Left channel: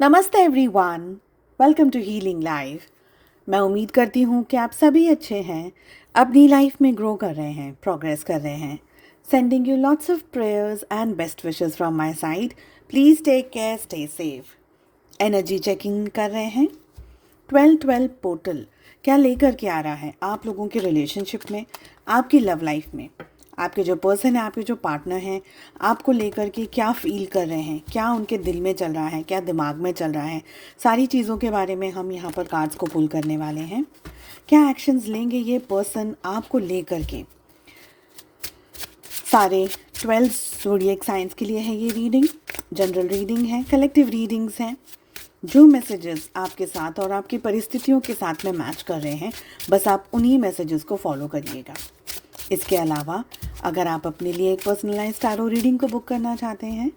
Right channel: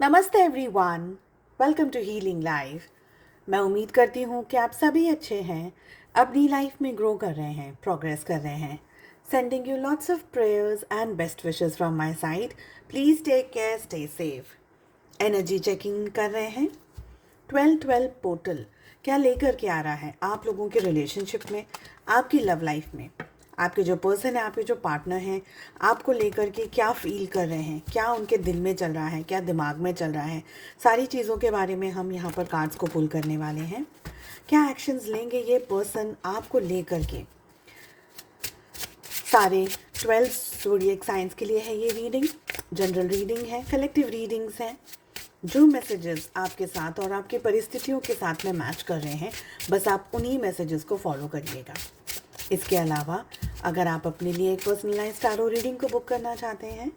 नमस्ते everyone, welcome to healing life. मैं उम्मीद करती हूँ कि आप सभी अच्छे हैं, अपनी लाइफ में ग्रो कर रहे हैं, प्रोग्रेस कर रहे हैं। Sending you lots of prayers and best wishes from my side. Please take care, stay safe. Energy checking कर रहे हैं। 12-12 पोर्टल क्या लेकर के आ रहा है आप लोगों के रिलेशनशिप में, आपकी लव लाइफ में। आपके जो पर्सन है, आपके जो पार्टनर हैं, आपको लेकर के क्या फील कर रहे हैं, क्या उनके दिल में चल रहा है, क्या दिमाग में चल रहा है, सारी चीज़ों के बारे में हम यहाँ पर कार्ड्स को पुल करने वाले हैं। क्या एक्शंस लेंगे ये पर्सन आपको लेकर के। सारे 12 ज़ोडिएक साइंस के लिए है ये रीडिंग। जनरल रीडिंग है, कलेक्टिव रीडिंग्स हैं। जो मैसेजेस आपके साथ और आपकी परिस्थितियों के साथ में मैच कर रहे हैं, बस आप उन्हीं मैसेजेस को फॉलो करिएगा। इसके अलावा अगर आप अपने लिए एक पर्सनलाइज्ड टैरो रीडिंग को बुक करना चाहते हैं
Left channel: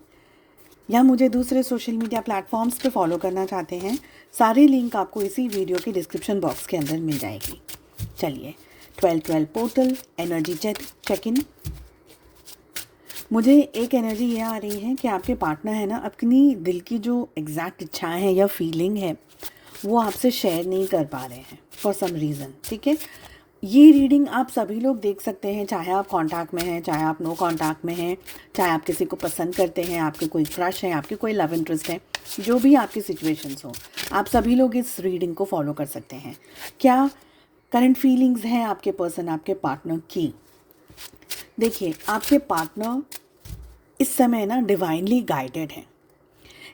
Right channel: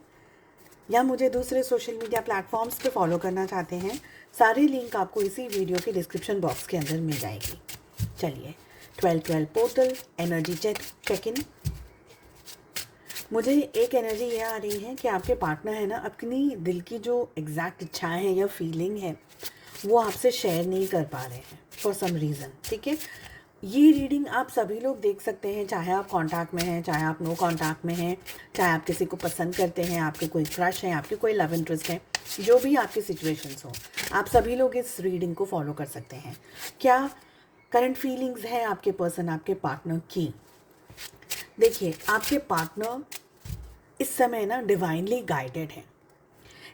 या मुझे दूसरे सोशल मीडिया प्लेटफॉर्म्स पे फॉलो करना चाहते हैं, सारे लिंक आपको इसी वीडियो के डिस्क्रिप्शन बॉक्स के अंदर मिल जाएगी। चलिए, 12-12 पोर्टल एनर्जी चेक इन। मुझे एक एनर्जी ये आ रही है कि आपके पार्टनर है ना, अपनी दिल की जो एग्जैक्ट इच्छाएं हैं या फीलिंग है वो आपसे शेयर नहीं कर पा रहे हैं फॉर सम रीज़न। ठीक है, ये रीडिंग आप सभी लोग देख सकते हैं, चाहे आप कांटेक्ट में हैं, चाहे आप नो कांटेक्ट में हैं, चाहे आप किसी को पसंद करते हैं, आपके कोई क्रश है, आपके कोई लव इंटरेस्ट है, जो भी आपकी सिचुएशंस हो, आप सभी लोग इस रीडिंग को फॉलो कर सकते हैं। क्या करंट फीलिंग्स हैं आपके पर्सन, आपके पार्टनर की। देखिए, आपके पार्टनर इस समय ना डिवाइनली गाइडेड है।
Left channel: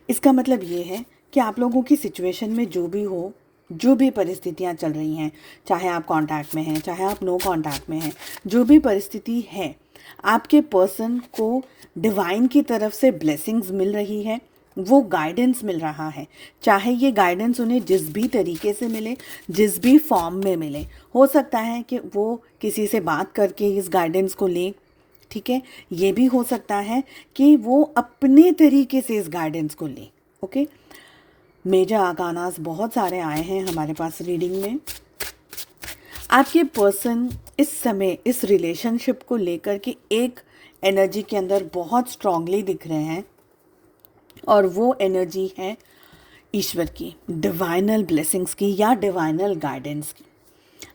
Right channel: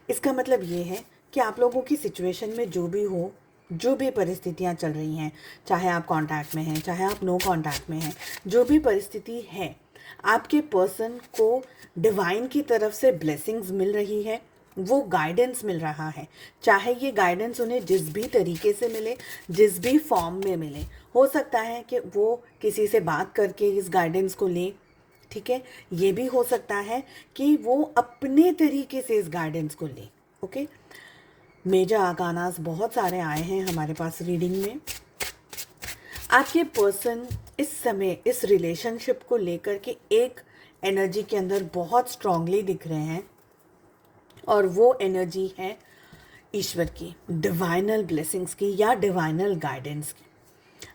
इसका मतलब ये है कि आप लोगों की सिचुएशन में जो भी हो, जो भी परिस्थितियाँ चल रही हैं, चाहे आप कांटेक्ट में हैं, चाहे आप नो कांटेक्ट में हैं, जो भी परिस्थिति है, आपके पर्सन को डिवाइन की तरफ से ब्लेसिंग्स मिल रही है, वो गाइडेंस मिल रहा है। चाहे ये गाइडेंस उन्हें जिस भी तरीके से मिले, जिस भी फॉर्म में मिले, हो सकता है कि वो किसी से बात करके इस गाइडेंस को लें। ठीक है, ये भी हो सकता है कि वो अपने तरीके से इस गाइडेंस को लें। ओके, मेजर आर्कानास बहुत सारे आए हैं हमारे पास रीडिंग में। आपके पर्सन इस समय इस रिलेशनशिप को लेकर के एक एनर्जी के अंदर बहुत स्ट्रांगली दिख रहे हैं, और वो एनर्जी है ईश्वर की, डिवाइनल ब्लेसिंग्स की या डिवाइनल गाइडेंस की।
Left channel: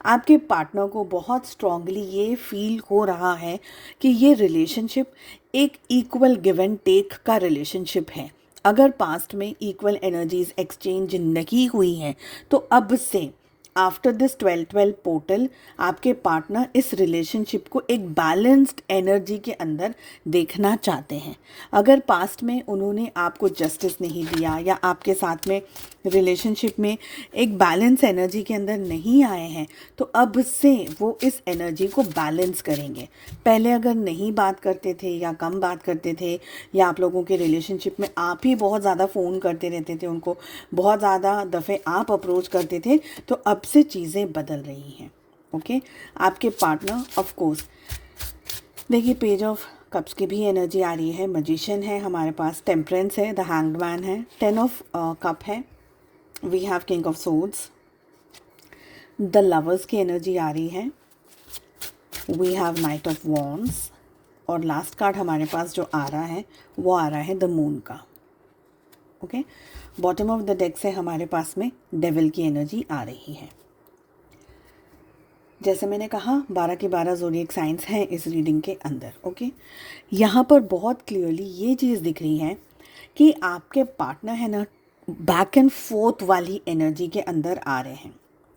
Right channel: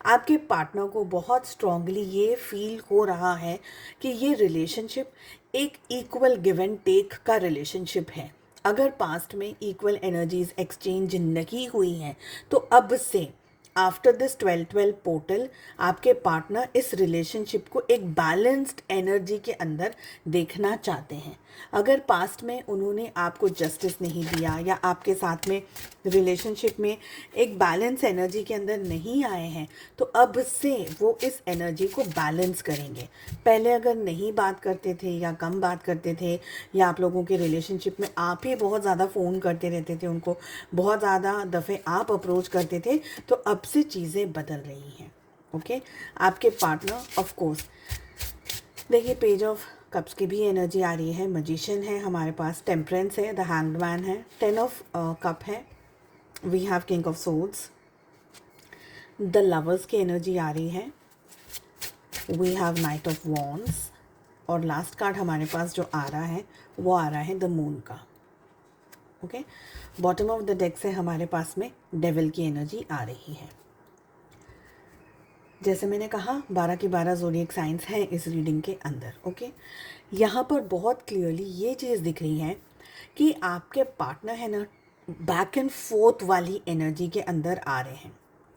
आपके पार्टनर को बहुत स्ट्रांगली ये फील हो रहा है कि ये रिलेशनशिप एक इक्वल गिव एंड टेक का रिलेशनशिप है। अगर पास्ट में इक्वल एनर्जीज एक्सचेंज नहीं हुई हैं, तो अब से आफ्टर दिस 12-12 पोर्टल आपके पार्टनर इस रिलेशनशिप को एक बैलेंस्ड एनर्जी के अंदर देखना चाहते हैं। अगर पास्ट में उन्होंने आपको जस्टिस नहीं दिया या आपके साथ में रिलेशनशिप में एक बैलेंस एनर्जी के अंदर नहीं आए हैं, तो अब से वो इस एनर्जी को बैलेंस करेंगे। पहले अगर नहीं बात करते थे या कम बात करते थे, या आप लोगों के रिलेशनशिप में आप ही बहुत ज़्यादा फ़ोन करते रहते थे, उनको बहुत ज़्यादा दफ़े आप अप्रोच करते थे, तो अब से चीज़ें बदल रही हैं। ओके, आपके पार्टनर ऑफ कोर्स, देखिए, पेज ऑफ कप्स की भी एनर्जी आ रही है, मजिशियन है हमारे पास, टेम्परेंस है, द हैंग्ड मैन है, 10 ऑफ कप है, we have king of swords, the lovers की एनर्जी आ रही है, we have knight of wands, और लास्ट कार्ड हमारे पास जो आ रहा है वो आ रहा है द मून का। Okay, bottom of the deck से हमारे पास में डेविल की एनर्जी आ रही है। जैसे मैंने कहा, 12 के 12 ज़ोडिएक साइंस हैं इस रीडिंग के अंदर। ओके, यहाँ पर बहुत क्लियरली ये चीज़ दिख रही है कि आपके पार्टनर है ना, बैक एंड फोर्थ वाली एनर्जी के अंदर आ रहे हैं।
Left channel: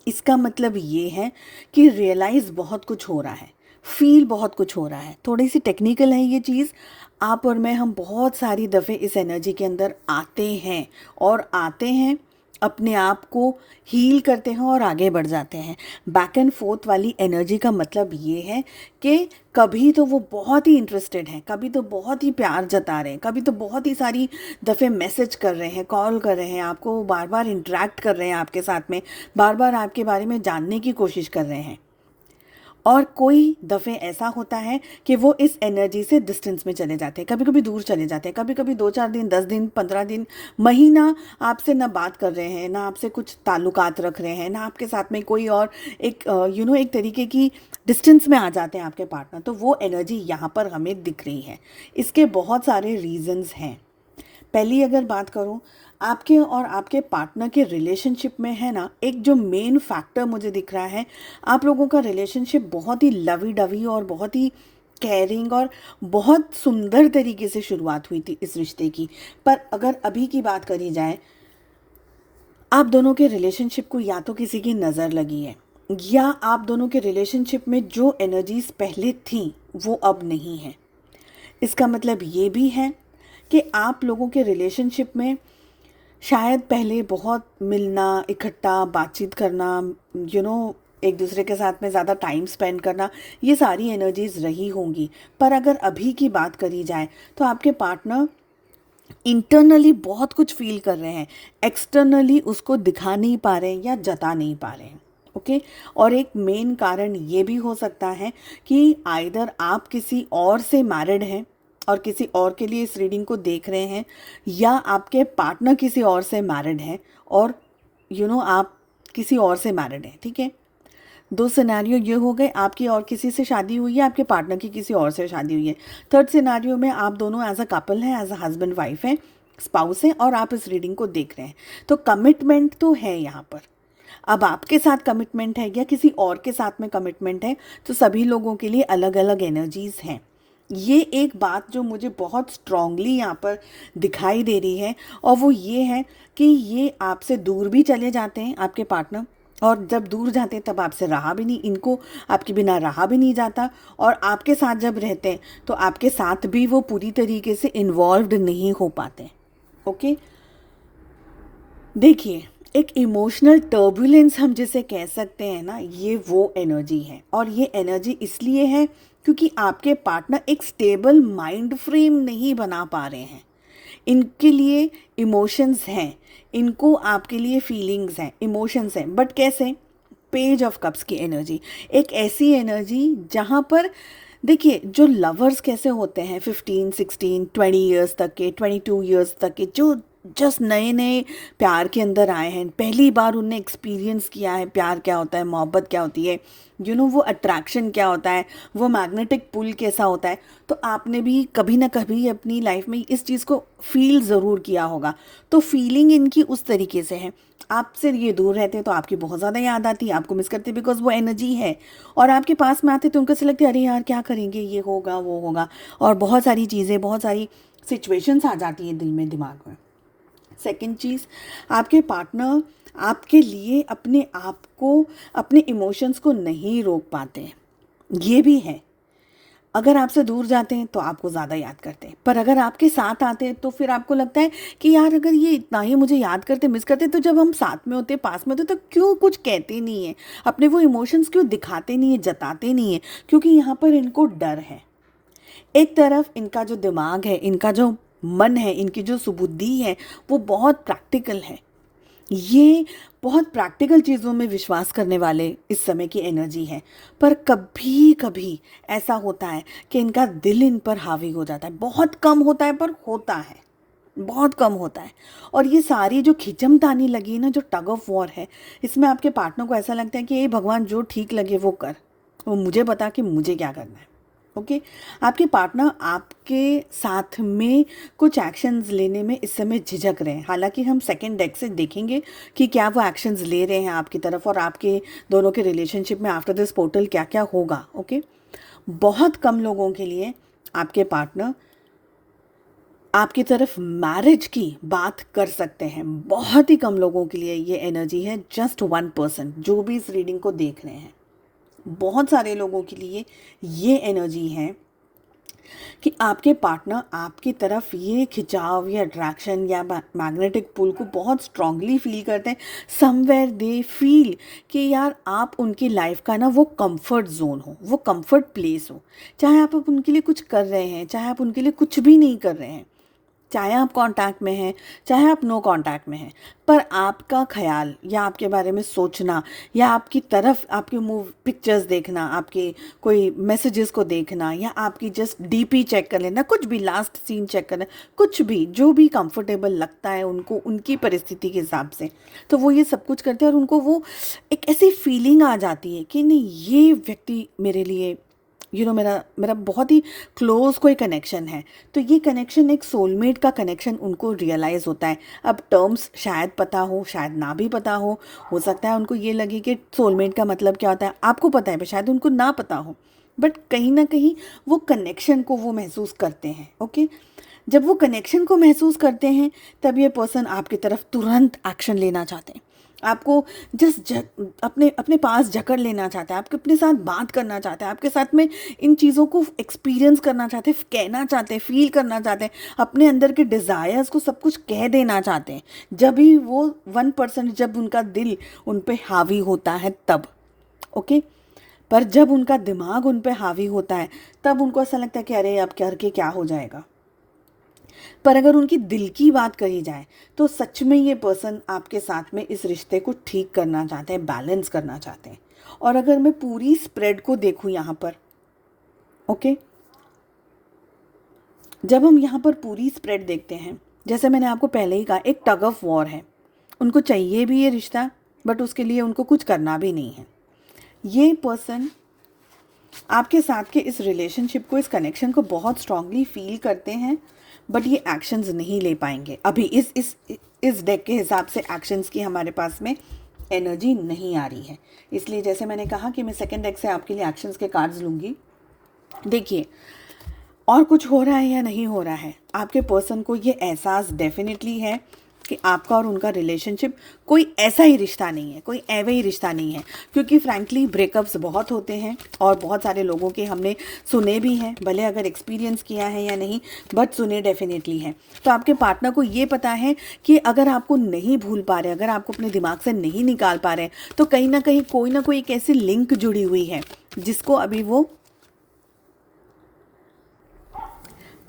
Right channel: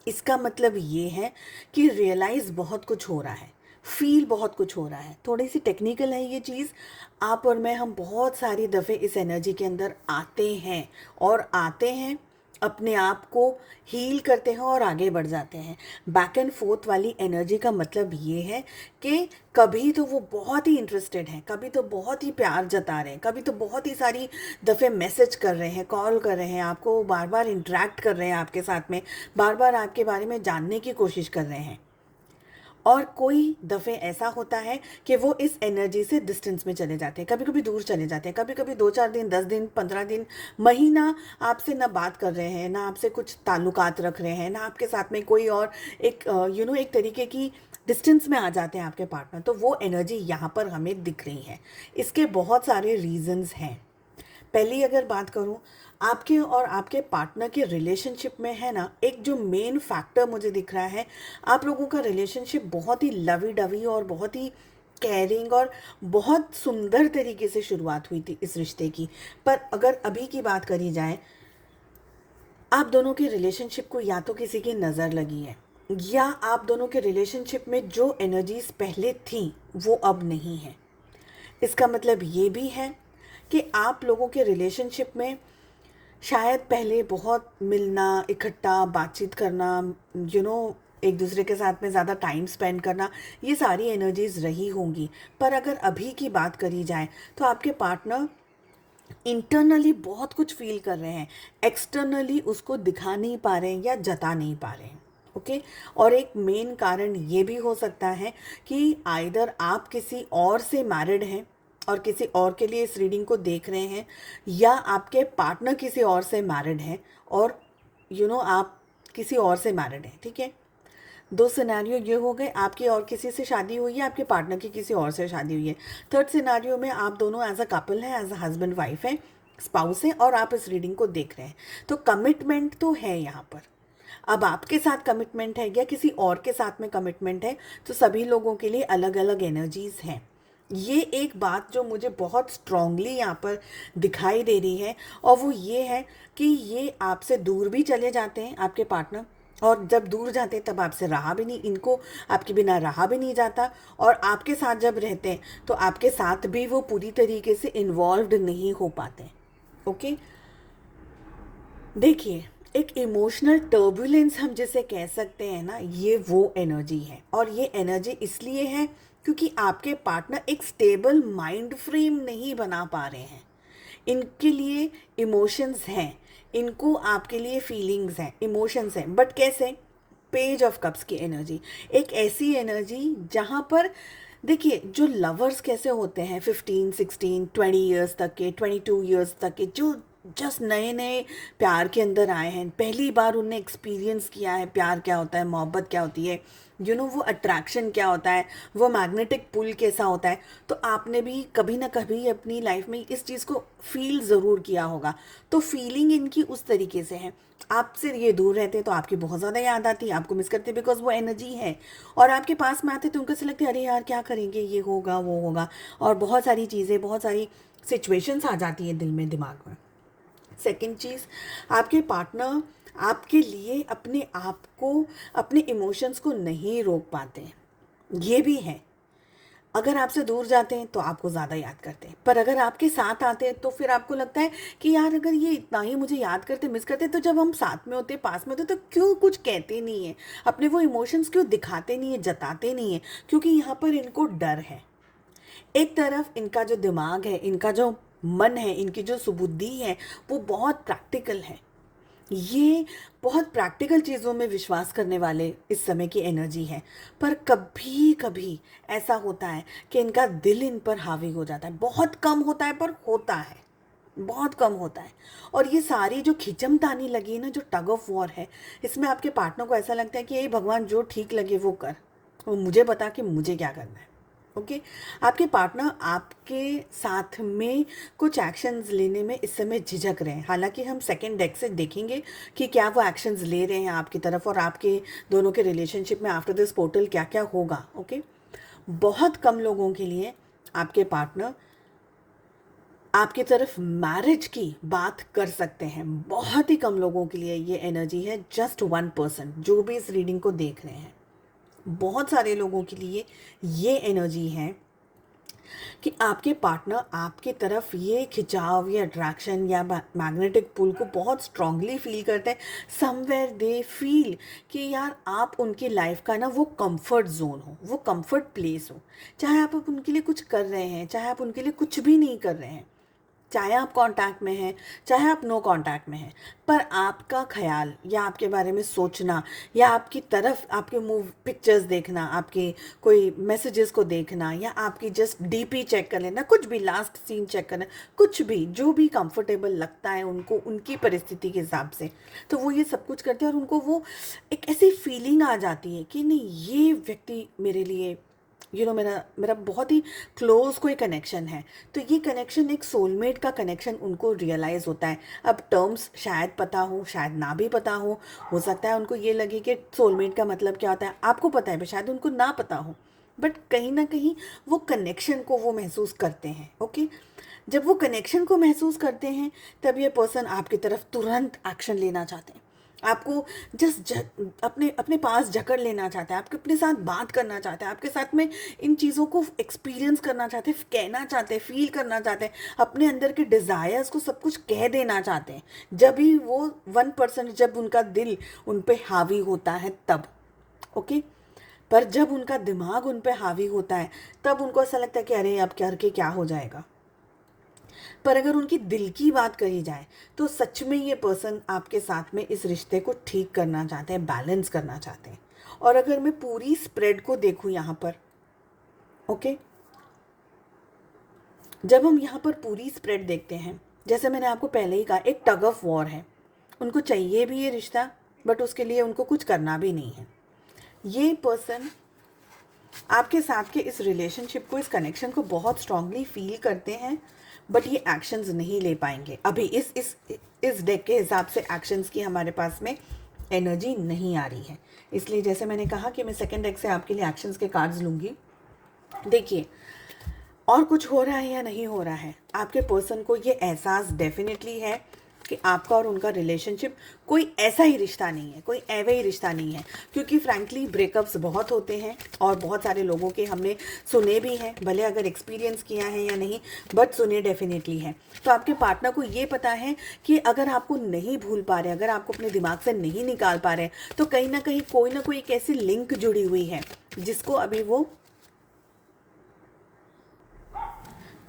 इसका मतलब ये है कि रियलाइज़ बहुत कुछ हो रहा है, फील बहुत कुछ हो रहा है। थोड़ी सी टेक्निकल है ये चीज़, आप और मैं, हम बहुत सारी दफ़े इस एनर्जी के अंदर आते हैं और आते हैं, अपने आप को हील करते हैं और आगे बढ़ जाते हैं। बैक एंड फोर्थ वाली एनर्जी का मतलब ये है कि कभी तो वो बहुत ही इंटरेस्टेड हैं, कभी तो बहुत ही प्यार जता रहे हैं, कभी तो बहुत ही सारी दफ़े मैसेज कर रहे हैं, कॉल कर रहे हैं, आपको बार बार इंटरेक्ट कर रहे हैं आपके साथ में, बार बार आपके बारे में जानने की कोशिश कर रहे हैं। और कोई दफ़े ऐसा होता है कि वो इस एनर्जी से डिस्टेंस में चले जाते हैं, कभी कभी दूर चले जाते हैं, कभी कभी 2-4 दिन, 10 दिन, 15 दिन, महीना आपसे ना बात कर रहे हैं, ना आपसे कुछ ताल्लुकात रख रहे हैं, ना आपके साथ में कोई और एक एक तरीके की डिस्टेंस में आ जाते हैं आपके पार्टनर। तो वो एनर्जी यहाँ पर हमें दिख रही है। इसके बहुत सारे रीजंस हैं। पहली अगर बात करूँ, आपके और आपके पार्टनर के रिलेशनशिप में है ना, एक जो मेन फैक्टर मुझे दिख रहा है, आप लोगों का रिलेशनशिप बहुत ही लवी डवी और बहुत ही केयरिंग और बहुत सुंदर तरीके से शुरुआत हुई थी इस रिश्ते की। पर अगर अभी की बात करी जाए, आप दोनों के रिलेशनशिप को या तो किसी की नज़र लगी है, या आप दोनों के रिलेशनशिप में जो एनर्जीज पहले थी वो अब नहीं है। इसका मतलब ये भी है कि आप लोगों के रिलेशनशिप में शायद पहले बहुत मिलना, इकट्ठा बातचीत करना, एक दूसरे के साथ में ज़्यादा टाइम स्पेंड करना, ये सारी एनर्जीज रही होंगी। पर अगर अभी की बात करी जाए तो आपके पार्टनर इंटरनली बहुत कुछ फील कर रहे हैं, एक्सटर्नली उसको दिखा नहीं पा रहे हैं या जता नहीं पा रहे हैं। ओके। और एक मेन कारण ये भी हो सकता है कि आइदर आप किसी और से मैरिड हैं और किसी और के लिए इस रीडिंग को देख रहे हैं, या आपके पार्टनर किसी और से मैरिड हैं और आप किसी और से मैरिड हैं। ठीक है, दो सिनेरियो ये हो गए, आपकी और किसी से शादी हुई है, आपके पार्टनर की किसी और से शादी हुई है। थर्ड सिनेरियो में आप दोनों एज अ कपल हैं, एज अ हस्बैंड वाइफ हैं, स्पाउस हैं, और आप इस रीडिंग को देख रहे हैं। तो कमिटमेंट तो है यहाँ पर। अब आपके साथ कमिटमेंट है या किसी और के साथ में कमिटमेंट है, तो सभी लोगों के लिए अलग अलग एनर्जीज हैं। ये एक बात जो मुझे बहुत स्ट्रांगली यहाँ पर दिखाई दे रही है, और वो ये है कि ये आपसे दूर भी चले जाते हैं आपके पार्टनर, और जब दूर जाते हैं तब आपसे रहा भी नहीं, इनको आपके बिना रहा भी नहीं जाता, और आपके साथ जब रहते हैं तो आपके साथ भी वो पूरी तरीके से इन्वॉल्व्ड नहीं हो पाते। ओके। देखिए, एक इमोशनल टर्बुलेंस हम जिसे कह सकते हैं ना, ये वो एनर्जी है, और ये एनर्जी इसलिए है क्योंकि आपके पार्टनर एक स्टेबल माइंड फ्रेम नहीं बना पा रहे हैं। इनके लिए इमोशंस हैं, इनको आपके लिए फीलिंग्स हैं, इमोशंस हैं, बट कैसे? पेज ऑफ कप्स की एनर्जी, एक ऐसी एनर्जी जहाँ पर देखिए, जो लवर्स कैसे होते हैं 15, 16, 20 ईयर्स तक के, 22 ईयर्स तक के, जो जस्ट नए नए प्यार के अंदर आए हैं, पहली बार उनने एक्सपीरियंस किया है प्यार क्या होता है, मोहब्बत क्या होती है, वो अट्रैक्शन क्या होता है, वो मैग्नेटिक पुल कैसा होता है। तो आपने भी कभी ना कभी अपनी लाइफ में इस चीज़ को फील ज़रूर किया होगा। तो फीलिंग इनकी उस तरीके से है। आपसे ये दूर रहते हैं तो आपकी बहुत ज़्यादा याद आती है, आपको मिस करते बिकॉज वो एनर्जी है, और आपके पास में आते तो उनको ऐसा लगता है अरे यार क्या करेंगे, ये होगा वो होगा, और बहुत सारी चीज़ें, बहुत सारी सिचुएशंस आ जाती हैं दिल में, दिमाग में। सेकंड चीज़, आपके पार्टनर आपके लिए अपने आप को, अपने इमोशंस को नहीं रोक पाते हैं। ये भी है। अगर आपसे दूर जाते हैं तो आपको ज़्यादा याद करते हैं, पर अगर आपके साथ आते हैं तो फिर आपको लगता है कि यार अगर ये इतना ही मुझे याद करते, मिस करते, तो जब हम साथ में होते, पास में होते, तो क्यों कुछ कहते नहीं है, अपने वो इमोशंस क्यों दिखाते नहीं है, जताते नहीं है? क्योंकि यहाँ पर इनको डर है। एक तरफ इनका जो दिमाग है, इनका जो मन है, इनकी जो सुबुद्धि है, वो बहुत प्रैक्टिकल है। ये बहुत प्रैक्टिकल चीज़ों में विश्वास करने वाले इस समय की एनर्जी है। पर कभी कभी ऐसा होता है कि इनका दिल इन पर हावी हो जाता है। बहुत कम होता है, पर होता है, बहुत कम होता है। और ये सारी जो खिंचमतानी लगी है ना, जो टग ऑफ वॉर है, इसमें आपके पार्टनर को ऐसा लगता है कि ये भगवान जो ठीक लगे वो कर, वो मुझे बता कि मुझे क्या करना है। ओके। आपके पार्टनर आपके साथ में कुछ एक्शंस लेने में इस समय झिझक रहे हैं। हालांकि हम सेकंड डेक से देखेंगे कि क्या वो एक्शंस ले रहे हैं आपकी तरफ, और आपके दोनों के रिलेशनशिप में आफ्टर दिस पोर्टल क्या क्या होगा। ओके। बहुत कम लोगों के लिए आपके पार्टनर आपकी तरफ मैरिज की बात कर सकते हैं। बहुत ही कम लोगों के लिए ये एनर्जी है, जस्ट 1% जो भी इस रीडिंग को देख रहे हैं। बहुत सारे लोगों के लिए ये एनर्जी है कि आपके पार्टनर आपकी तरफ ये खिंचाव या अट्रैक्शन या मैग्नेटिक पुल को बहुत स्ट्रांगली फील करते हैं। समवेयर दे फील कि यार आप उनकी लाइफ का ना वो कंफर्ट जोन हो, वो कंफर्ट प्लेस हो। चाहे आप उनके लिए कुछ कर रहे हैं, चाहे आप उनके लिए कुछ भी नहीं कर रहे हैं, चाहे आप कांटेक्ट में हैं, चाहे आप नो कांटेक्ट में हैं, पर आपका ख्याल या आपके बारे में सोचना, या आपकी तरफ आपके मूव पिक्चर्स देखना, आपके कोई मैसेजेस को देखना, या आपकी जस्ट डीपी चेक कर लेना, कुछ भी लास्ट सीन चेक करना, कुछ भी जो भी कंफर्टेबल लगता है उनको उनकी परिस्थिति के हिसाब से, तो वो ये सब कुछ करते हैं। और उनको वो एक ऐसी फीलिंग आ जाती है कि नहीं, ये व्यक्ति मेरे लिए मेरा मेरा बहुत ही क्लोज कोई कनेक्शन है, तो ये कनेक्शन एक सोलमेट का कनेक्शन उनको रियलाइज़ होता है। अब टर्म्स शायद पता हो, शायद ना भी पता हो सकता है उनको ये लगे कि सोलमेट का मतलब क्या होता है, आपको पता है पर शायद उनको ना पता हो, बट कहीं ना कहीं वो कनेक्शन को वो महसूस करते हैं। ओके, जब वो कनेक्शन को महसूस करते हैं तब ये पर्सन आपकी तरफ तुरंत एक्शन लेना चाहते हैं, आपको जस्ट अपने अपने पास जकड़ लेना चाहते हैं, आपके अपने साथ बात करना चाहते हैं, आपके साथ में इन चीज़ों को एक्सपीरियंस करना चाहते हैं, कहना चाहते हैं, फील करना चाहते हैं, अपने अंदर के डिज़ायर्स को सब कुछ कह देना चाहते हैं। जब भी वो 1%, जब उनका दिल उन पे हावी होता है तब। ओके, पर जब उनका दिमाग उन पे हावी होता है तब उनको ऐसा लगता है कि अरे अब करके क्या हो जाएगा। पर अगर उनकी दिल की बात कही जाए तो सच में ये पर्सन आपके साथ में इस रिश्ते को ठीक करना चाहते हैं, बैलेंस करना चाहते हैं। और अगर मैं पूरी स्प्रेड को देखूं यहाँ पर, ओके, जब हम यहाँ पर पूरी स्प्रेड देखते हैं, जैसे मैंने आपको पहले ही कहा, एक टग ऑफ वॉर है। उनको चाहिए भी ये रिश्ता, बट उसके लिए उनको कुछ करना भी नहीं है। ये पर्सन आपके साथ के इस रिलेशनशिप को, इस कनेक्शन को बहुत स्ट्रांगली फील करते हैं, बट ये एक्शंस नहीं ले पाएंगे अभी। इस डेक के हिसाब से एक्शंस की हमारे पास में एनर्जी नहीं आ रही है। इसलिए जैसे मैंने कहा कि मैं सेकंड डेक से आपके लिए एक्शंस के कार्ड्स लूँगी। देखिए, और कुछ हो रहा है या नहीं हो रहा है, आपके पर्सन को ये एहसास डेफिनेटली है कि आपका और उनका रिलेशनशिप कोई ऐसा ही रिश्ता नहीं है, कोई एवे ही रिश्ता नहीं है। क्योंकि फ्रैंकली ब्रेकअप्स बहुत होते हैं और बहुत सारे लोगों के हमने सुने भी हैं, भले अगर एक्सपीरियंस किया है या नहीं, बट सुने डेफिनेटली हैं। तो आपके पार्टनर को ये पता है कि अगर आपको नहीं भूल पा रहे, अगर आपको अपने दिमाग से नहीं निकाल पा रहे, तो कहीं ना कोई एक ऐसी लिंक जुड़ी हुई है जिसको अभी वो,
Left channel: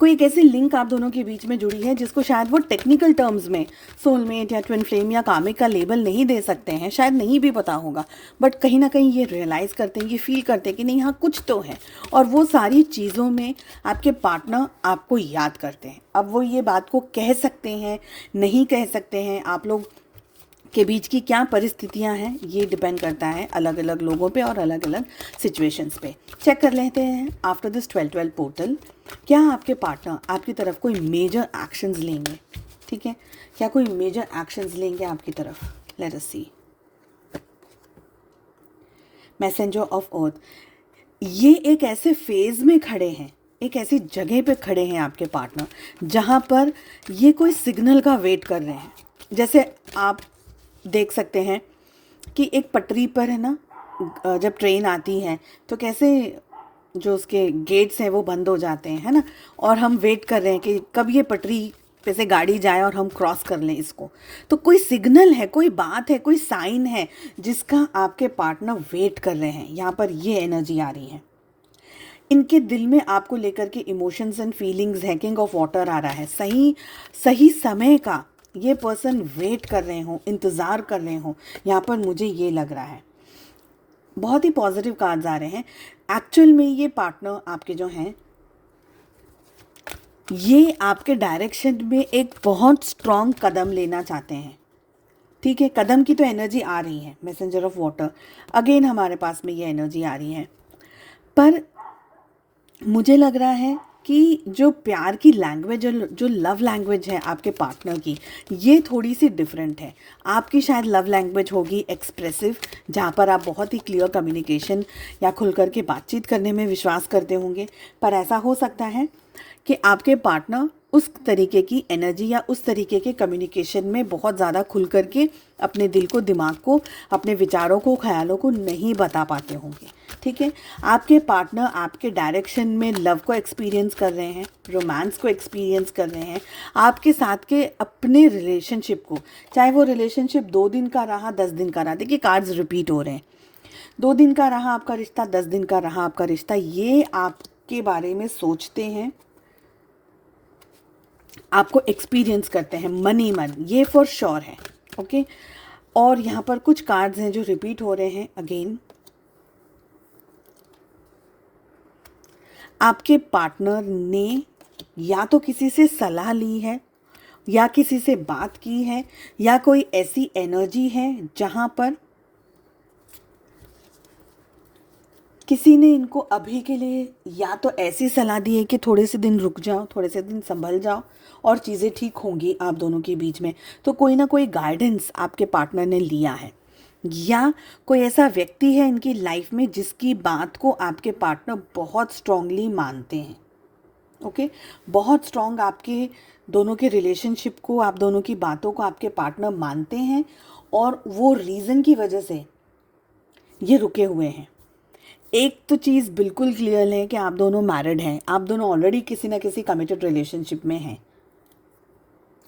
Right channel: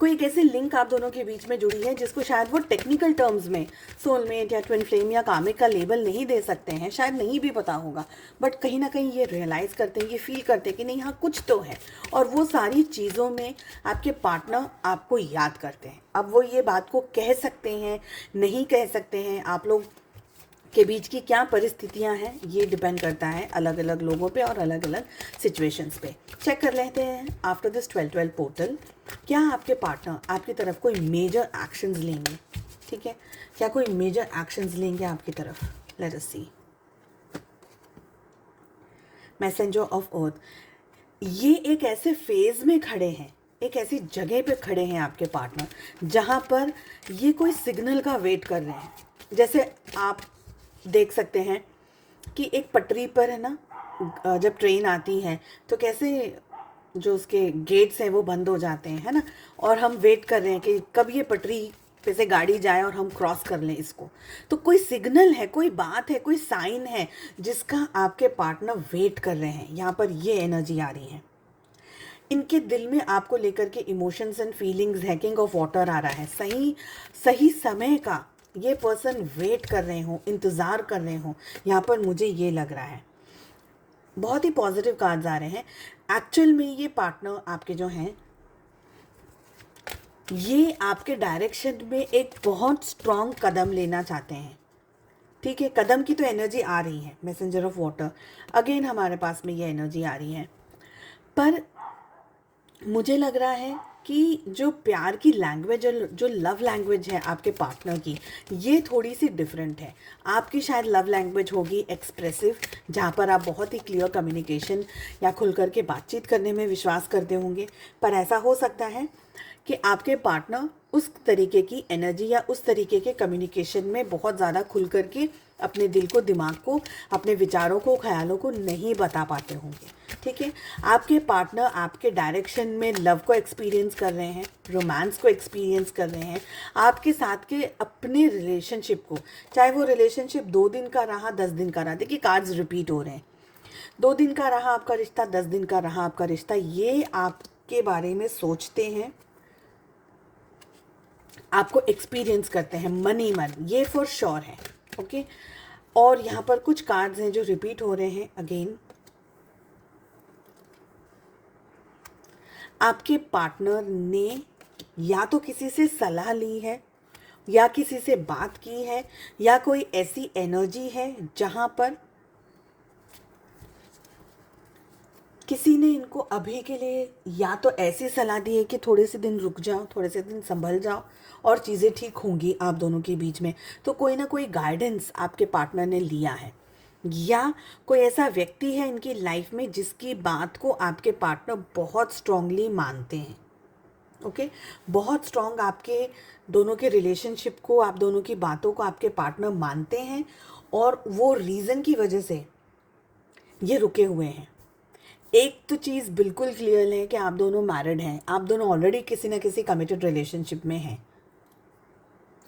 कोई एक ऐसी लिंक आप दोनों के बीच में जुड़ी है जिसको शायद वो टेक्निकल टर्म्स में सोलमेट या ट्विन फ्लेम या कामिक का लेबल नहीं दे सकते हैं, शायद नहीं भी पता होगा, बट कहीं ना कहीं ये रियलाइज़ करते हैं, ये फील करते हैं कि नहीं, यहाँ कुछ तो है। और वो सारी चीज़ों में आपके पार्टनर आपको याद करते हैं। अब वो ये बात को कह सकते हैं, नहीं कह सकते हैं, आप लोग के बीच की क्या परिस्थितियां हैं, ये डिपेंड करता है अलग अलग लोगों पे और अलग अलग सिचुएशंस पे। चेक कर लेते हैं आफ्टर दिस 12-12 पोर्टल, क्या आपके पार्टनर आपकी तरफ कोई मेजर एक्शंस लेंगे। ठीक है, क्या कोई मेजर एक्शंस लेंगे आपकी तरफ। Let us see. Messenger of earth, ये एक ऐसे फेज में खड़े हैं, एक ऐसी जगह पे खड़े हैं आपके पार्टनर जहाँ पर ये कोई सिग्नल का वेट कर रहे हैं। जैसे आप देख सकते हैं कि एक पटरी पर है ना, जब ट्रेन आती है तो कैसे जो उसके गेट्स हैं वो बंद हो जाते हैं, है ना, और हम वेट कर रहे हैं कि कब ये पटरी पे से गाड़ी जाए और हम क्रॉस कर लें इसको। तो कोई सिग्नल है, कोई बात है, कोई साइन है जिसका आपके पार्टनर वेट कर रहे हैं। यहाँ पर ये एनर्जी आ रही है। इनके दिल में आपको लेकर के इमोशंस एंड फीलिंग्स है। किंग ऑफ वाटर आ रहा है। सही सही समय का ये पर्सन वेट कर रहे हो, इंतज़ार कर रहे हो, यहाँ पर मुझे ये लग रहा है। बहुत ही पॉजिटिव कार्ड्स आ रहे हैं। एक्चुअल में ये पार्टनर आपके जो हैं, ये आपके डायरेक्शन में एक बहुत स्ट्रॉन्ग कदम लेना चाहते हैं। ठीक है, कदम की तो एनर्जी आ रही है। मैसेंजर ऑफ वाटर अगेन हमारे पास में ये एनर्जी आ रही है, पर मुझे लग रहा है कि जो प्यार की लैंग्वेज, जो लव लैंग्वेज है आपके पार्टनर की, ये थोड़ी सी डिफरेंट है। आपकी शायद लव लैंग्वेज होगी एक्सप्रेसिव, जहाँ पर आप बहुत ही क्लियर कम्युनिकेशन या खुल कर के बातचीत करने में विश्वास करते होंगे। पर ऐसा हो सकता है कि आपके पार्टनर उस तरीके की एनर्जी या उस तरीके के कम्युनिकेशन में बहुत ज़्यादा खुल करके अपने दिल को, दिमाग को, अपने विचारों को, ख्यालों को नहीं बता पाते होंगे। ठीक है, आपके पार्टनर आपके डायरेक्शन में लव को एक्सपीरियंस कर रहे हैं, रोमांस को एक्सपीरियंस कर रहे हैं, आपके साथ के अपने रिलेशनशिप को, चाहे वो रिलेशनशिप 2 दिन का रहा, 10 दिन का रहा। देखिए, कार्ड्स रिपीट हो रहे हैं। 2 दिन का रहा आपका रिश्ता, 10 दिन का रहा आपका रिश्ता, ये आपके बारे में सोचते हैं, आपको एक्सपीरियंस करते हैं मनी मन, ये फॉर श्योर है। ओके, और यहाँ पर कुछ कार्ड्स हैं जो रिपीट हो रहे हैं अगेन। आपके पार्टनर ने या तो किसी से सलाह ली है, या किसी से बात की है, या कोई ऐसी एनर्जी है जहाँ पर किसी ने इनको अभी के लिए या तो ऐसी सलाह दी है कि थोड़े से दिन रुक जाओ, थोड़े से दिन संभल जाओ और चीज़ें ठीक होंगी आप दोनों के बीच में। तो कोई ना कोई गाइडेंस आपके पार्टनर ने लिया है, या कोई ऐसा व्यक्ति है इनकी लाइफ में जिसकी बात को आपके पार्टनर बहुत स्ट्रांगली मानते हैं। ओके, बहुत स्ट्रांग आपके दोनों के रिलेशनशिप को, आप दोनों की बातों को आपके पार्टनर मानते हैं और वो रीज़न की वजह से ये रुके हुए हैं। एक तो चीज़ बिल्कुल क्लियर है कि आप दोनों मैरिड हैं, आप दोनों ऑलरेडी किसी ना किसी कमिटेड रिलेशनशिप में हैं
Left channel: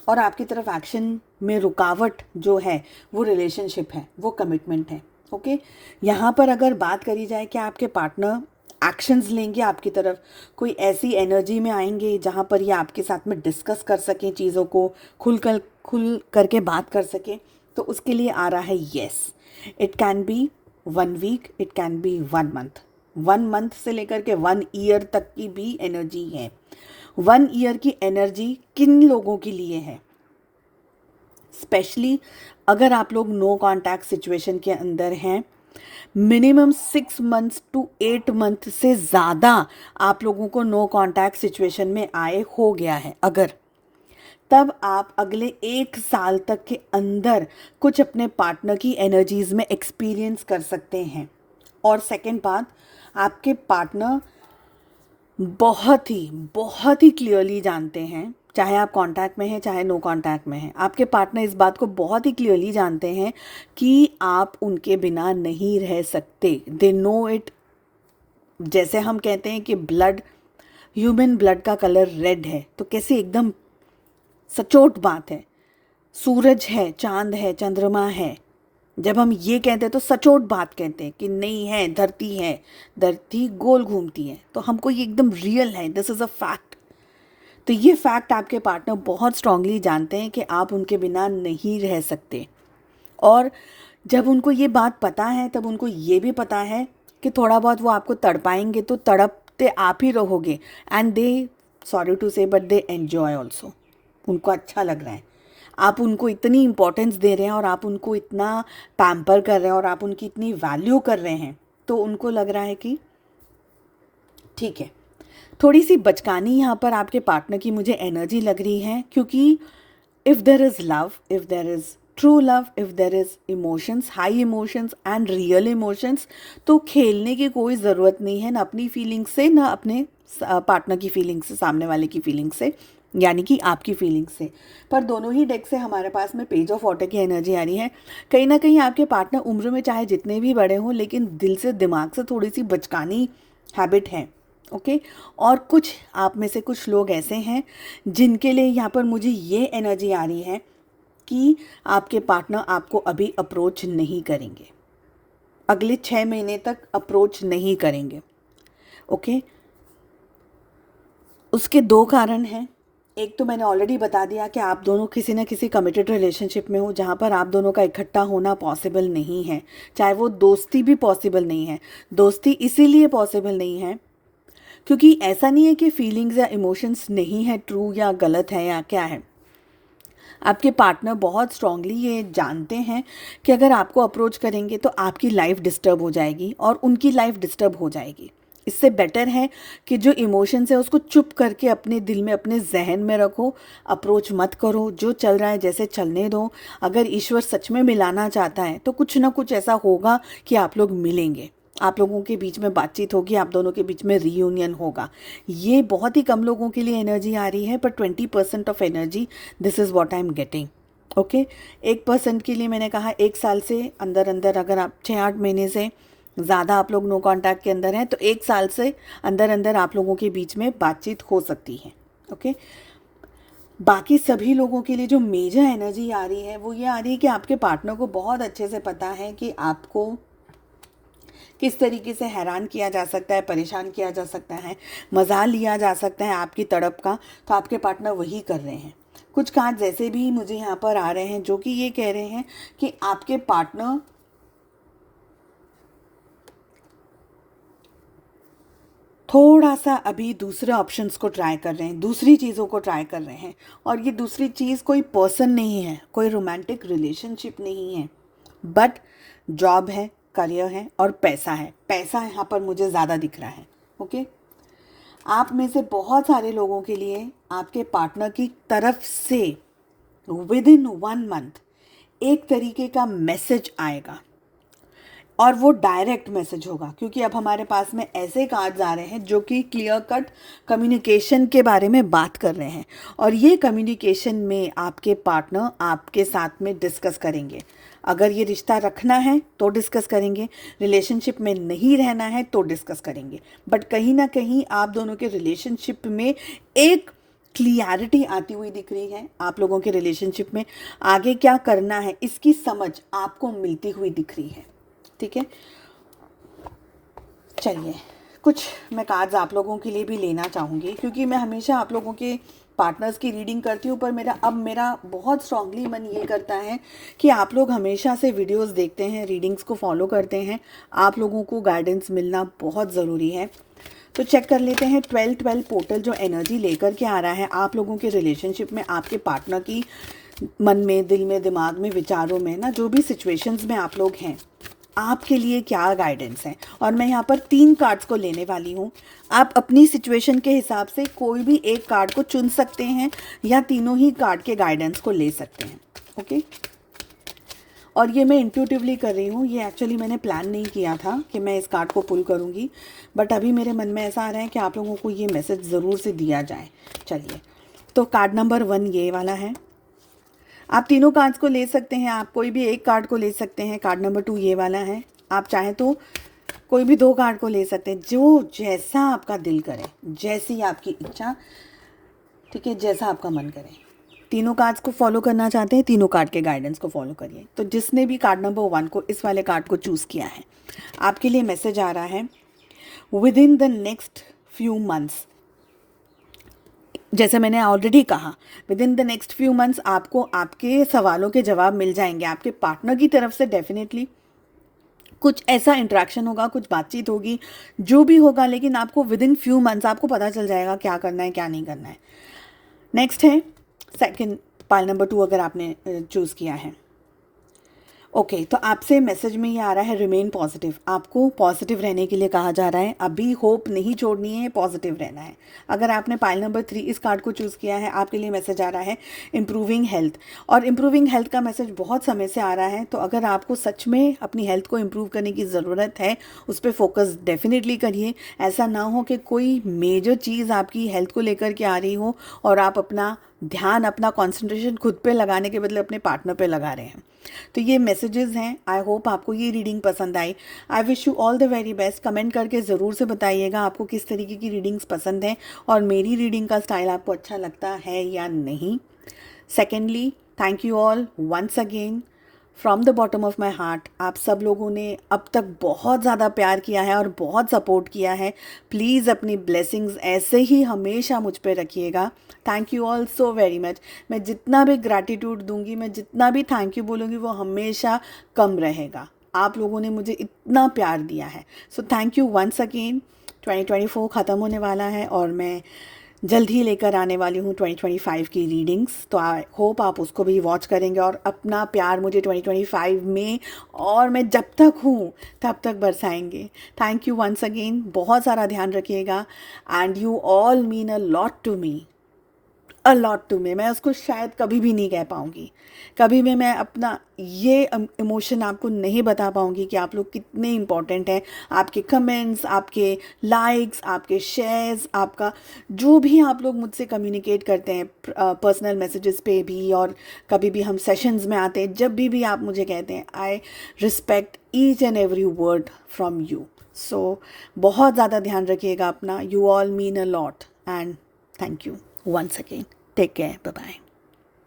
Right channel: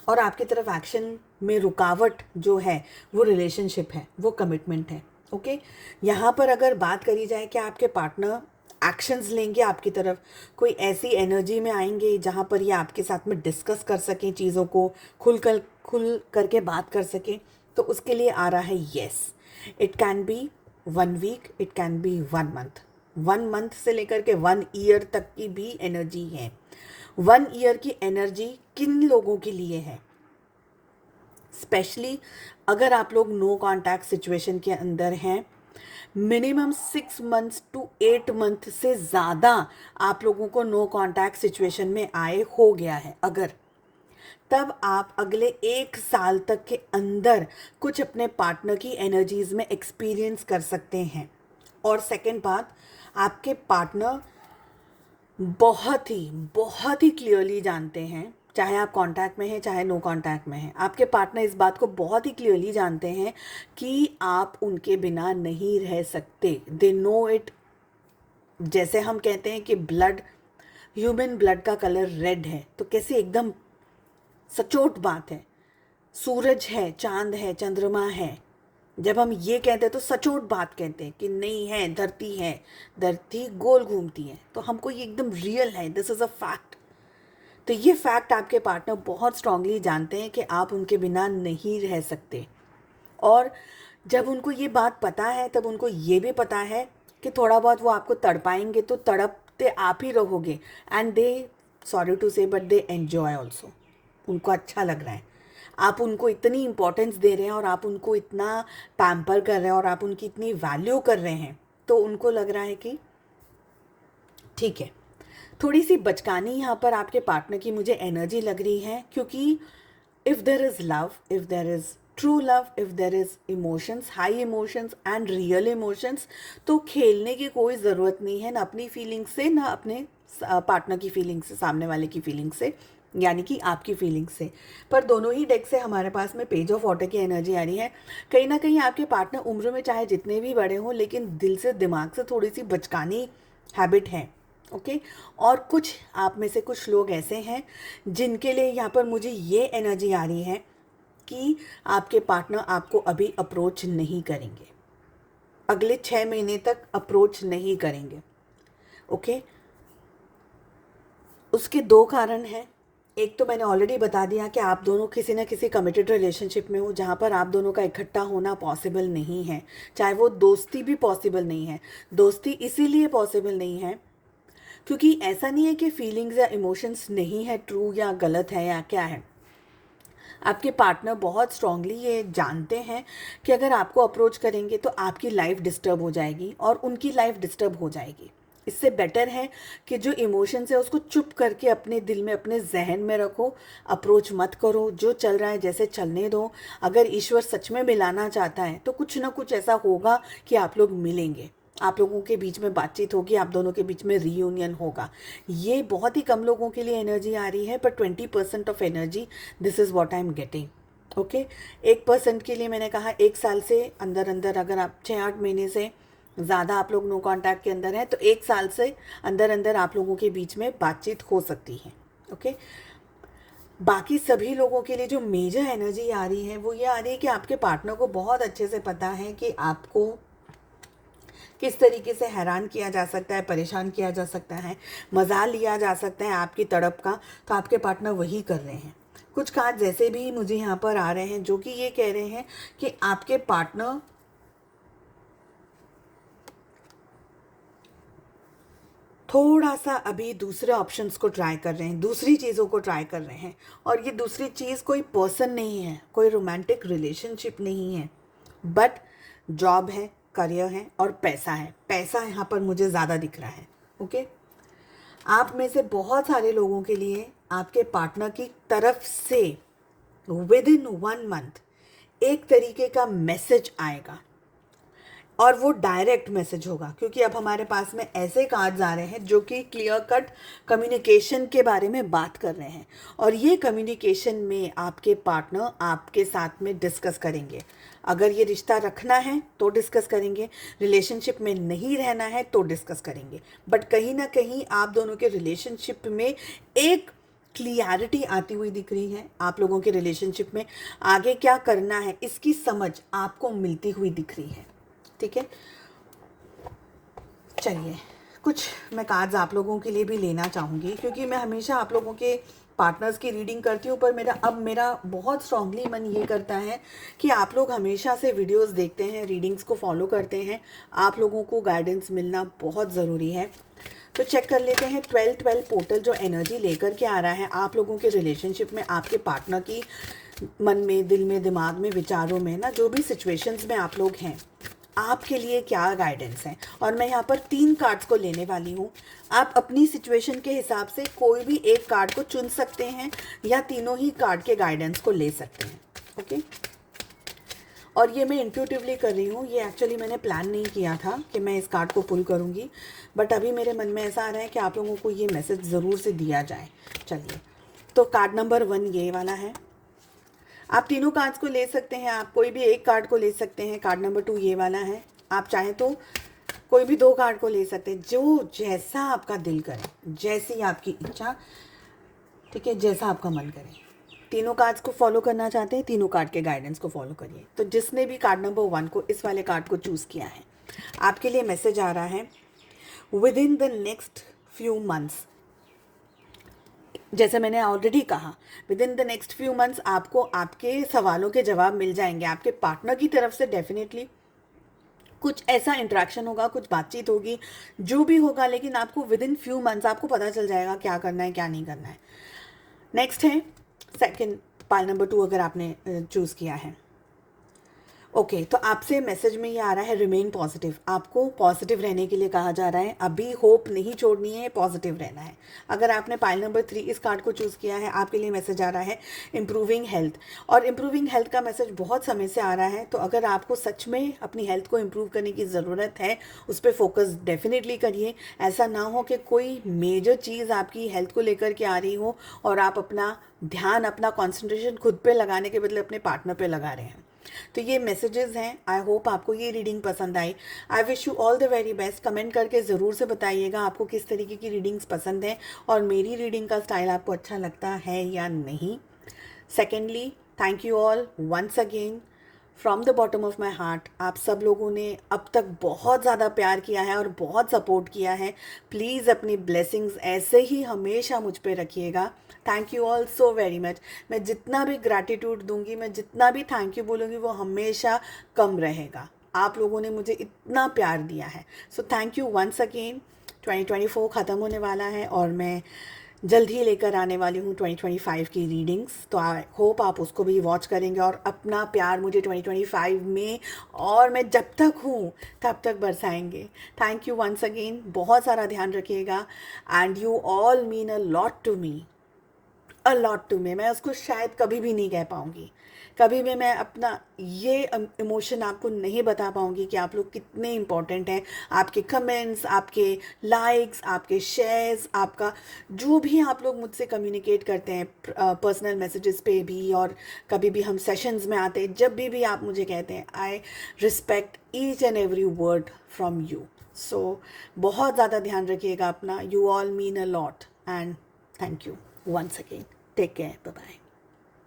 और आपकी तरफ एक्शन में रुकावट जो है वो रिलेशनशिप है, वो कमिटमेंट है। ओके, यहाँ पर अगर बात करी जाए कि आपके पार्टनर एक्शंस लेंगे आपकी तरफ, कोई ऐसी एनर्जी में आएंगे जहाँ पर ये आपके साथ में डिस्कस कर सकें चीज़ों को, खुल करके बात कर सकें, तो उसके लिए आ रहा है yes. It can be 1 week, it can be 1 month, 1 month से लेकर के 1 ईयर तक की भी एनर्जी है। 1 ईयर की एनर्जी किन लोगों के लिए है? स्पेशली अगर आप लोग नो कॉन्टैक्ट सिचुएशन के अंदर हैं, मिनिमम 6 मंथ्स टू 8 मंथ से ज़्यादा आप लोगों को नो कॉन्टैक्ट सिचुएशन में आए हो गया है अगर, तब आप अगले 1 साल तक के अंदर कुछ अपने पार्टनर की एनर्जीज में एक्सपीरियंस कर सकते हैं। और सेकंड बात, आपके पार्टनर बहुत ही क्लियरली जानते हैं, चाहे आप कांटेक्ट में हैं चाहे नो कांटेक्ट में हैं, आपके पार्टनर इस बात को बहुत ही क्लियरली जानते हैं कि आप उनके बिना नहीं रह सकते। They know it. जैसे हम कहते हैं कि ब्लड, ह्यूमन ब्लड का कलर रेड है, तो कैसी एकदम सचोट बात है। सूरज है, चांद है, चंद्रमा है, जब हम ये कहते हैं तो सचोट बात कहते हैं कि नहीं है, धरती है, धरती गोल घूमती है, तो हमको ये एकदम रियल है, दिस इज़ अ फैक्ट। तो ये फैक्ट आपके पार्टनर बहुत स्ट्रांगली जानते हैं कि आप उनके बिना नहीं रह सकते। और जब उनको ये बात पता है तब उनको ये भी पता है कि थोड़ा बहुत वो आपको तड़पाएंगे तो तड़पते आप ही रहोगे, एंड दे, सॉरी टू से, बट दे एन्जॉय ऑल्सो। उनको अच्छा लग रहा है, आप उनको इतनी इम्पोर्टेंस दे रहे हैं और आप उनको इतना पैम्पर कर रहे हैं और आप उनकी इतनी वैल्यू कर रहे हैं, तो उनको लग रहा है कि ठीक है। थोड़ी सी बचकानी यहाँ पर आपके पार्टनर की मुझे एनर्जी लग रही है, क्योंकि if there is love, if there is true love, if there is emotions, high emotions and real emotions, तो खेलने की कोई ज़रूरत नहीं है, ना अपनी फीलिंग्स से, ना अपने पार्टनर की फीलिंग्स से, सामने वाले की फीलिंग्स से, यानी कि आपकी फीलिंग्स से। पर दोनों ही डेक से हमारे पास में पेज ऑफ वाटर की एनर्जी आ रही है। कहीं ना कहीं आपके पार्टनर उम्र में चाहे जितने भी बड़े हों, लेकिन दिल से, दिमाग से थोड़ी सी बचकानी हैबिट है। ओके, और कुछ आप में से कुछ लोग ऐसे हैं जिनके लिए यहाँ पर मुझे ये एनर्जी आ रही है कि आपके पार्टनर आपको अभी अप्रोच नहीं करेंगे, अगले 6 महीने तक अप्रोच नहीं करेंगे। ओके, उसके 2 कारण हैं। एक तो मैंने ऑलरेडी बता दिया कि आप दोनों किसी न किसी कमिटेड रिलेशनशिप में हो जहाँ पर आप दोनों का इकट्ठा होना पॉसिबल नहीं है, चाहे वो दोस्ती भी पॉसिबल नहीं है। दोस्ती इसीलिए पॉसिबल नहीं है क्योंकि ऐसा नहीं है कि फीलिंग्स या इमोशंस नहीं है, ट्रू या गलत है या क्या है। आपके पार्टनर बहुत स्ट्रांगली ये जानते हैं कि अगर आपको अप्रोच करेंगे तो आपकी लाइफ डिस्टर्ब हो जाएगी और उनकी लाइफ डिस्टर्ब हो जाएगी। इससे बेटर है कि जो इमोशंस है उसको चुप करके अपने दिल में, अपने जहन में रखो, अप्रोच मत करो, जो चल रहा है जैसे चलने दो। अगर ईश्वर सच में मिलाना चाहता है तो कुछ ना कुछ ऐसा होगा कि आप लोग मिलेंगे, आप लोगों के बीच में बातचीत होगी, आप दोनों के बीच में रीयूनियन होगा। ये बहुत ही कम लोगों के लिए एनर्जी आ रही है, पर 20% of energy, this is what I am getting. Okay, 1% के लिए मैंने कहा 1 साल से अंदर अंदर, अगर आप 6-8 महीने से ज़्यादा आप लोग नो कॉन्टैक्ट के अंदर हैं तो 1 साल से अंदर अंदर आप लोगों के बीच में बातचीत हो सकती है। ओके, बाकी सभी लोगों के लिए जो मेजर एनर्जी आ रही है वो ये आ रही है कि आपके पार्टनर को बहुत अच्छे से पता है कि आपको किस तरीके से हैरान किया जा सकता है, परेशान किया जा सकता है, मजा लिया जा सकता है आपकी तड़प का, तो आपके पार्टनर वही कर रहे हैं। कुछ कार्ड ऐसे भी मुझे यहाँ पर आ रहे हैं जो कि ये कह रहे हैं कि आपके पार्टनर थोड़ा सा अभी दूसरे ऑप्शंस को ट्राई कर रहे हैं, दूसरी चीज़ों को ट्राई कर रहे हैं। और ये दूसरी चीज़ कोई पर्सन नहीं है, कोई रोमांटिक रिलेशनशिप नहीं है, बट जॉब है, करियर है और पैसा है। पैसा यहाँ पर मुझे ज़्यादा दिख रहा है। ओके, आप में से बहुत सारे लोगों के लिए आपके पार्टनर की तरफ से विद इन 1 मंथ एक तरीके का मैसेज आएगा और वो डायरेक्ट मैसेज होगा, क्योंकि अब हमारे पास में ऐसे कार्ड्स आ रहे हैं जो कि क्लियर कट कम्युनिकेशन के बारे में बात कर रहे हैं। और ये कम्युनिकेशन में आपके पार्टनर आपके साथ में डिस्कस करेंगे। अगर ये रिश्ता रखना है तो डिस्कस करेंगे, रिलेशनशिप में नहीं रहना है तो डिस्कस करेंगे। बट कहीं ना कहीं आप दोनों के रिलेशनशिप में एक क्लियरिटी आती हुई दिख रही है। आप लोगों के रिलेशनशिप में आगे क्या करना है इसकी समझ आपको मिलती हुई दिख रही है। ठीक है, चलिए कुछ मैं कार्ड्स आप लोगों के लिए भी लेना चाहूँगी, क्योंकि मैं हमेशा आप लोगों के पार्टनर्स की रीडिंग करती हूँ, पर मेरा बहुत स्ट्रांगली मन ये करता है कि आप लोग हमेशा से वीडियोस देखते हैं, रीडिंग्स को फॉलो करते हैं, आप लोगों को गाइडेंस मिलना बहुत ज़रूरी है। तो चेक कर लेते हैं 12-12 पोर्टल जो एनर्जी लेकर के आ रहा है आप लोगों के रिलेशनशिप में, आपके पार्टनर की मन में, दिल में, दिमाग में, विचारों में ना, जो भी सिचुएशंस में आप लोग हैं, आपके लिए क्या गाइडेंस है। और मैं यहाँ पर 3 कार्ड्स को लेने वाली हूँ। आप अपनी सिचुएशन के हिसाब से कोई भी एक कार्ड को चुन सकते हैं या तीनों ही कार्ड के गाइडेंस को ले सकते हैं। ओके, और ये मैं इंट्यूटिवली कर रही हूँ, ये एक्चुअली मैंने प्लान नहीं किया था कि मैं इस कार्ड को पुल करूँगी, बट अभी मेरे मन में ऐसा आ रहा है कि आप लोगों को ये मैसेज ज़रूर से दिया जाए। चलिए, तो कार्ड नंबर 1 ये वाला है। आप तीनों कार्ड्स को ले सकते हैं, आप कोई भी एक कार्ड को ले सकते हैं। कार्ड नंबर 2 ये वाला है। आप चाहें तो कोई भी 2 कार्ड को ले सकते हैं, जो जैसा आपका दिल करे, जैसी आपकी इच्छा, ठीक है, जैसा आपका मन करे। तीनों कार्ड्स को फॉलो करना चाहते हैं, तीनों कार्ड के गाइडेंस को फॉलो करिए। तो जिसने भी कार्ड नंबर 1 को, इस वाले कार्ड को चूज़ किया है, आपके लिए मैसेज आ रहा है with in the next few months. जैसे मैंने ऑलरेडी कहा, with in the next few months आपको आपके सवालों के जवाब मिल जाएंगे। आपके पार्टनर की तरफ से डेफिनेटली कुछ ऐसा इंटरेक्शन होगा, कुछ बातचीत होगी, जो भी होगा, लेकिन आपको विद इन फ्यू मंथ्स आपको पता चल जाएगा क्या करना है, क्या नहीं करना है। नेक्स्ट है सेकंड, पाइल नंबर 2 अगर आपने चूज़ किया है। ओके, तो आपसे मैसेज में ये आ रहा है रिमेन पॉजिटिव। आपको पॉजिटिव रहने के लिए कहा जा रहा है, अभी होप नहीं छोड़नी है, पॉजिटिव रहना है। अगर आपने पाइल नंबर 3 इस कार्ड को चूज़ किया है, आपके लिए मैसेज आ रहा है इम्प्रूविंग हेल्थ। और इम्प्रूविंग हेल्थ का मैसेज बहुत समय से आ रहा है, तो अगर आपको सच में अपनी हेल्थ को इम्प्रूव करने की ज़रूरत है, उस पर फोकस डेफिनेटली करिए। ऐसा ना हो कि कोई मेजर चीज़ आपकी हेल्थ को लेकर के आ रही हो और आप अपना ध्यान, अपना कॉन्सेंट्रेशन खुद पे लगाने के बदले अपने पार्टनर पे लगा रहे हैं। तो ये मैसेजेस हैं। आई होप आपको ये रीडिंग पसंद आई। I wish you all the very best. Comment करके ज़रूर से बताइएगा आपको किस तरीके की रीडिंग्स पसंद हैं और मेरी रीडिंग का स्टाइल आपको अच्छा लगता है या नहीं। Secondly, thank you all once again from the bottom of my heart. आप सब लोगों ने अब तक बहुत ज़्यादा प्यार किया है और बहुत सपोर्ट किया है। प्लीज़ अपनी ब्लेसिंग्स ऐसे ही हमेशा मुझ पे रखिएगा। Thank you all so very much. मैं जितना भी ग्रैटिट्यूड दूंगी, मैं जितना भी थैंक यू बोलूँगी, वो हमेशा कम रहेगा। आप लोगों ने मुझे इतना प्यार दिया है, so thank you once again. 2024 ख़त्म होने वाला है और मैं जल्द ही लेकर आने वाली हूँ 2025 की रीडिंग्स। तो आई होप आप उसको भी वॉच करेंगे और अपना प्यार मुझे 2025 में और मैं जब तक हूँ तब तक बरसाएंगे। Thank you once again. बहुत सारा ध्यान रखिएगा and you all mean a lot to me, a lot to me. मैं उसको शायद कभी भी नहीं कह पाऊँगी, कभी भी मैं अपना ये इमोशन आपको नहीं बता पाऊँगी कि आप लोग कितने इम्पॉर्टेंट हैं। आपके कमेंट्स, आपके लाइक्स, आपके शेयर्स, आपका जो भी आप लोग मुझसे कम्युनिकेट करते हैं पर्सनल मैसेजेस पे भी, और कभी भी हम सेशंस में आते हैं, जब भी आप मुझे कहते हैं, I respect each and every word from you. So बहुत ज़्यादा ध्यान रखिएगा अपना। You all mean a lot and thank you once again. Take care. Bye-bye.